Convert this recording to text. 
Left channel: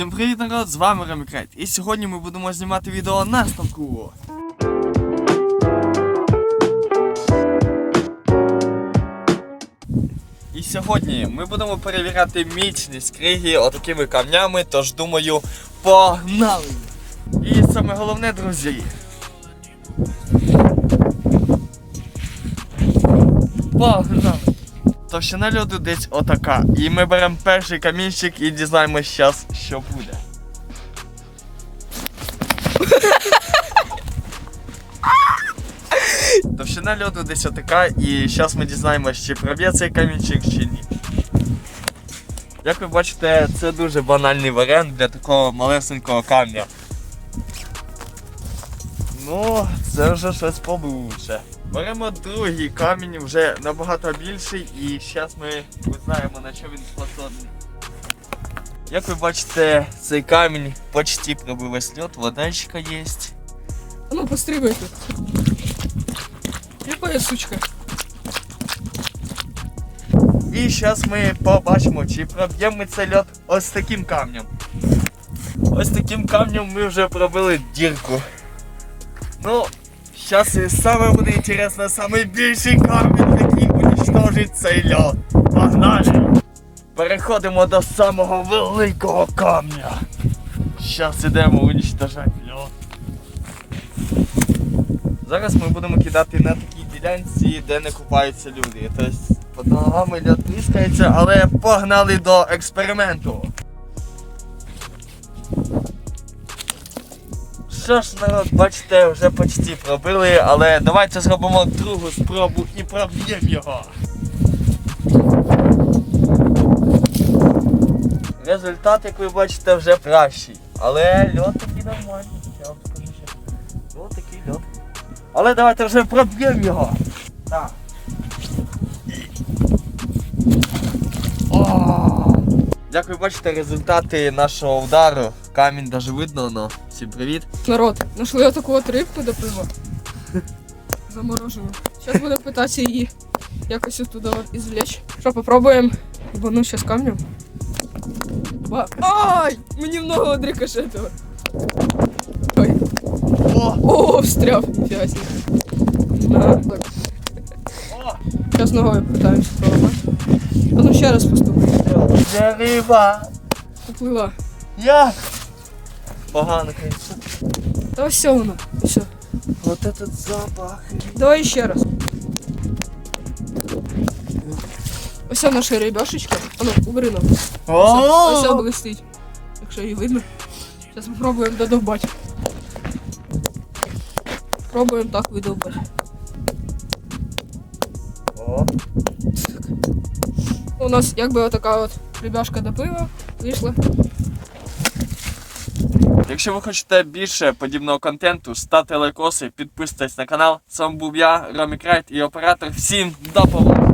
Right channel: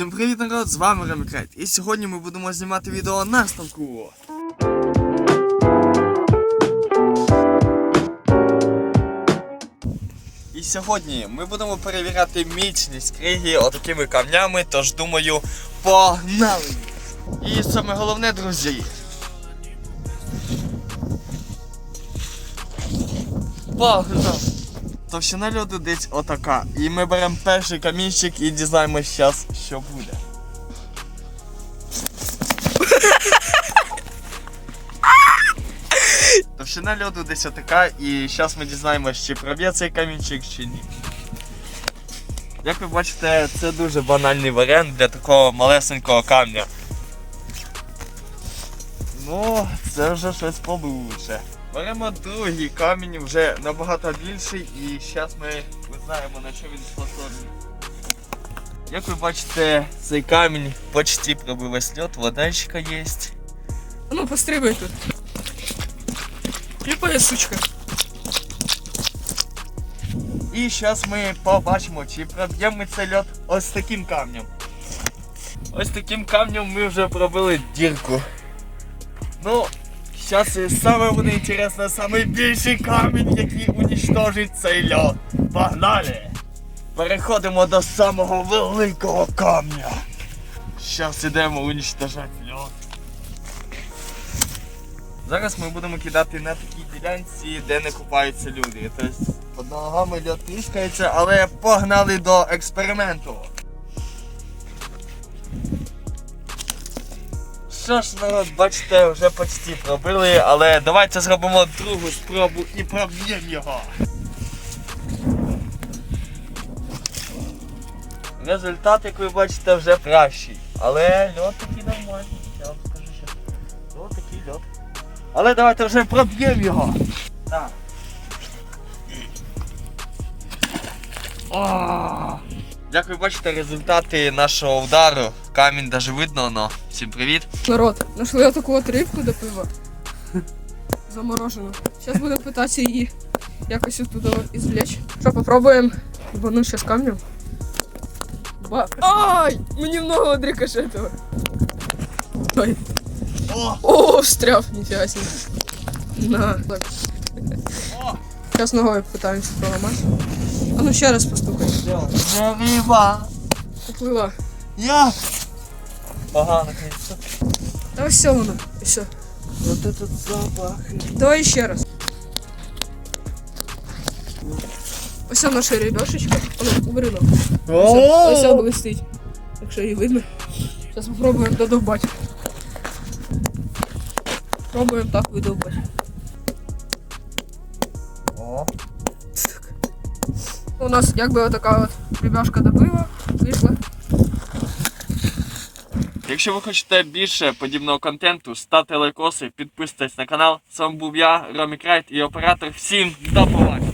Всім привіт, народ! З вами Ремікрайт. І сьогодні ми будемо знімати відео на ставку. І сьогодні ми будемо перевіряти міцність криги отакими камнями, тож думаю, погнали! І саме головне, друзі. Погнали! Товщина льоду десь отака. І ми беремо перший камінчик і дізнаємось зараз, що буде. Товщина льоду десь отака, і зараз ми дізнаємось, чи проб'є цей камінчик, чи ні. Як ви бачите, це дуже банальний варіант для такого малесенького камня. Ну, це вже щось получше. Беремо другий камінь, вже набагато більший, і зараз ми узнаємо на що він способний. Як ви бачите, цей камінь почти пробив льот, водичка є. Ну, пострибай тут. Кліпає, сучка. І зараз ми побачимо, чи проб'ємо ми цей льот ось таким камнем. Ось таким камнем ми вже пробили дірку. Ну, зараз саме буде інтересно, саме більший камінь, який уничтожить цей льот. Погнали! Переходимо до самого великого камня. Зараз ідемо уничтожати льот. Зараз ми будемо кидати на такій ділянці, де не купаються люди. Тобто під ногами льод тріскається, але погнали до експерименту. Що ж, народ, бачите, вже почти пробили, але давайте зробимо другу спробу і проб'ємо його. Результат, як ви бачите, вже кращий. Але льод такий нормальний, я вам скажу ще. Льод такий льод. Але давайте вже проб'ємо його. Так. Як ви бачите, результати нашого удару. Камінь даже видно, но. Всім привіт. Народ, нашли таку от рибку до пива. Заморожену. Зараз будемо питатися її якось оттуда извлечь. Що, попробуємо бану зараз камнем? Ба... Ай! Мені в ногу одрикошетило. Ой. О! Встряв, ніфіга себе. На. Так. Зараз ногою питаємося проламати. А ну ще раз постукай. Це риба! Поплила. Я! Погано, конечно. Та ось все воно. І все. Вот этот запах. Давай ще раз. Ось наша рибешечка. Воно, убери ногу. Ось, блистить. Якщо її видно. Зараз спробуємо додовбати. Пробуємо так видовбати. У нас якби отака от рібяшка до пива вийшла. Якщо ви хочете більше подібного контенту, ставте лайкоси, підписуйтесь на канал. З вами був я, Ромі Крайт і оператор. Всім до побачення!